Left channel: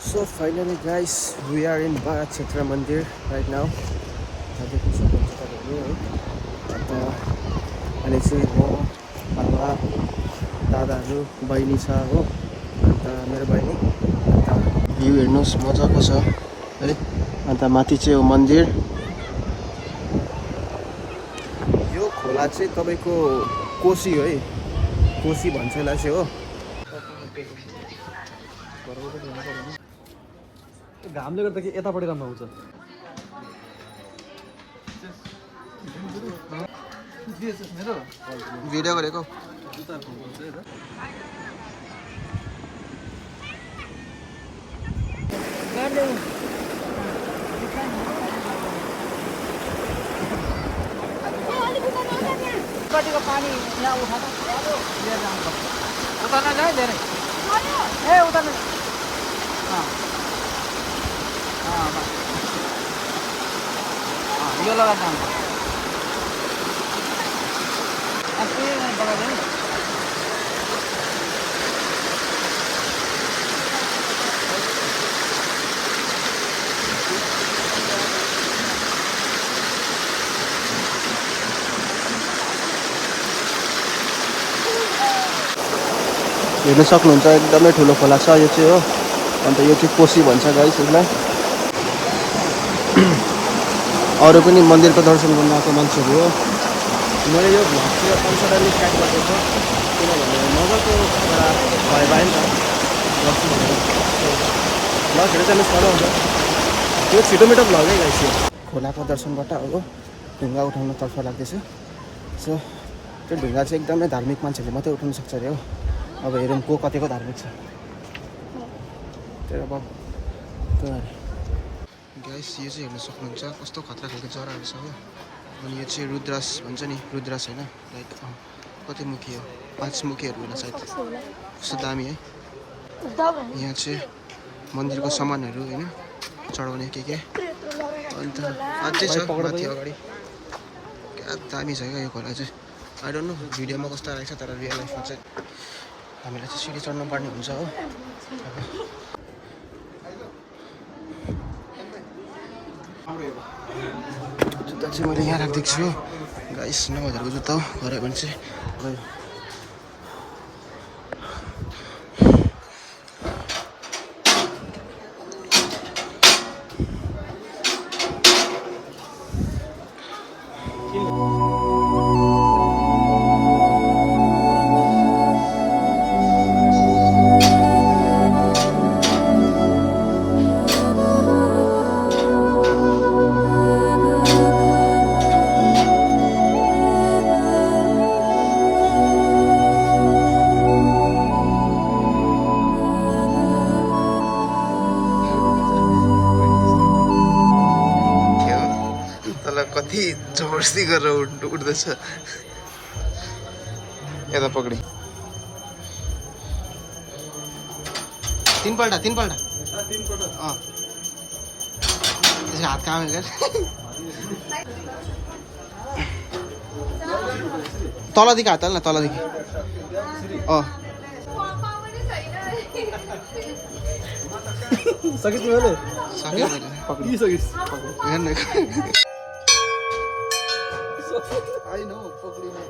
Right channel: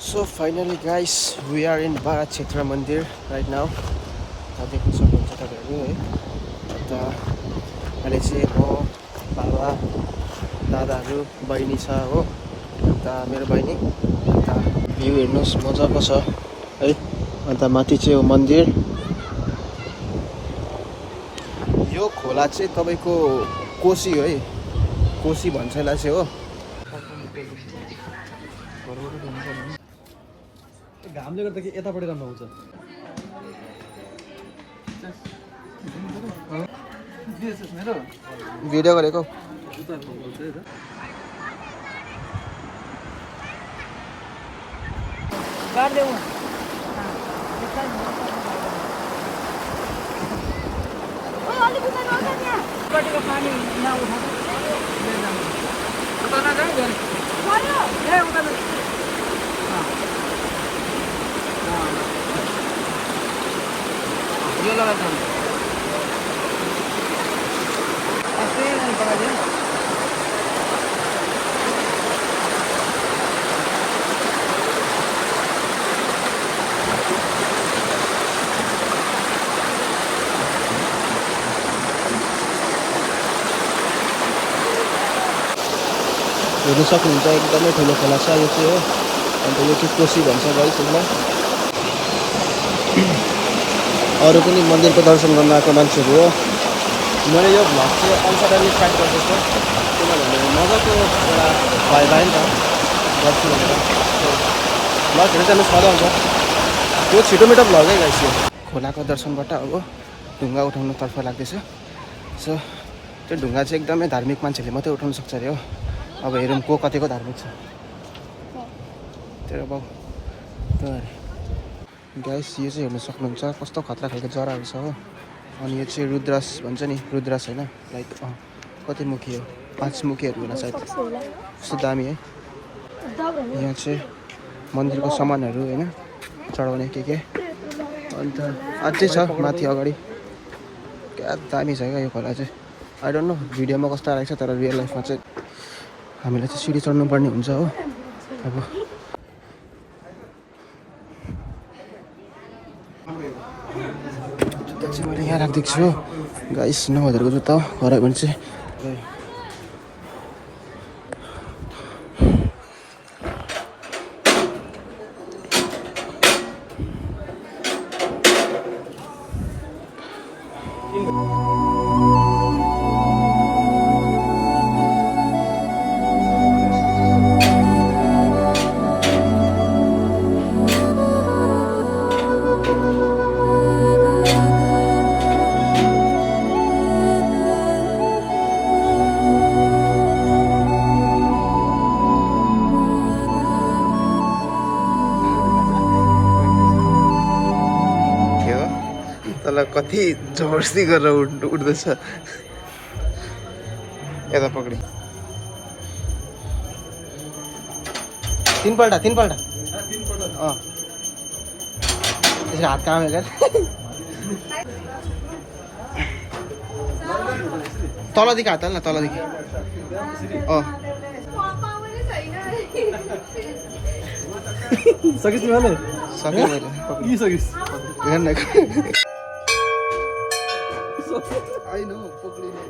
So finally guys, we are in Bharat Kshetra Mandir right now. देख्न सक्नुहुन्छ तपाईँहरू है। अन्त अहिले चाहिँ म बाबा दादाहरू बहिनी छ हो। अन्त मेरो बहिनी अन्त भ्यू हेर्नुहोस् मजाको छ है। अन्त माथि चाहिँ हो मन्दिर। यो खोला चाहिँ तपाईँको कोसी हो है, कोसी भन्छ यसलाई चाहिँ हो। घामले गर्दा कि यतापट्टि राम्रो आउँछ। भिडियो गरेको हेर्न सक्नुहुन्छ एकदमै ठुलो खोला छ यो चाहिँ हो। अन्त यो चाहिँ कोसी भन्छ गाइस यसलाई। अरू पनि मन्दिरको दर्शन गर्न आएको मान्छेहरू हो। मैले यो भ्लग चाहिँ अनसडनली स्टार्ट गरिदिएको किनभने मजाको एउटा भइ भयो नि त गर्छु भनेर। भ्लगहरू जानु सघाउँछ त्यो छिटो मिठो भ्लगै गाइस। यो खोलाको दर्शनबाट अब ढुङ्गा उठाउनुतर्फ लाग्दैछ। सो त्यो ढुङ्गा चाहिँ एकदमै धार्मिक मान्छेले मात्रै उठाउनु सक्छ अरे हो। अब हेरौँ को कतिको धार्मिक छ तेरो बाउ त। गाइस यो चाहिँ हेर्न सक्नुहुन्छ कस्तो खतरा खालको जराहरू छ हो। अनि यो चाहिँ रुद्रास भन्छ नि, रुद्रास होइन लाइक कति मुखी हो, 5 मुखीहरू होला सायद। कस्तो दामी है। यहाँ चाहिँ मन्दिरको सामानहरू होइन चढाउने के अन्त अझै छ माथि अगाडि। क्या दामी छ क्या यो खोला चाहिँ। आई डोन्ट नो भिडियोमा कस्तो आएको छ तर रियल लाइफमा चाहिँ हामीलाई चाहिँ सिडी चढ्नुपर्ने हुन्छ हो। अब जुत्ता चाहिँ मैले यहाँ राखिदिएको छु गाइस। 9000को जुत्ता हो, हरायो भने चाहिँ गयो। कति जबरजस्ती गरेर उठ्दैछ। यता पक्रि तीनपल्ट अँ त्यसको हात काम हेर तलदेखि हात हाल न तलदेखि। अँ सकिस् तिमीले? सकेँ मैले। के सकिस्? हेर्न होइन हौ पक्रिने।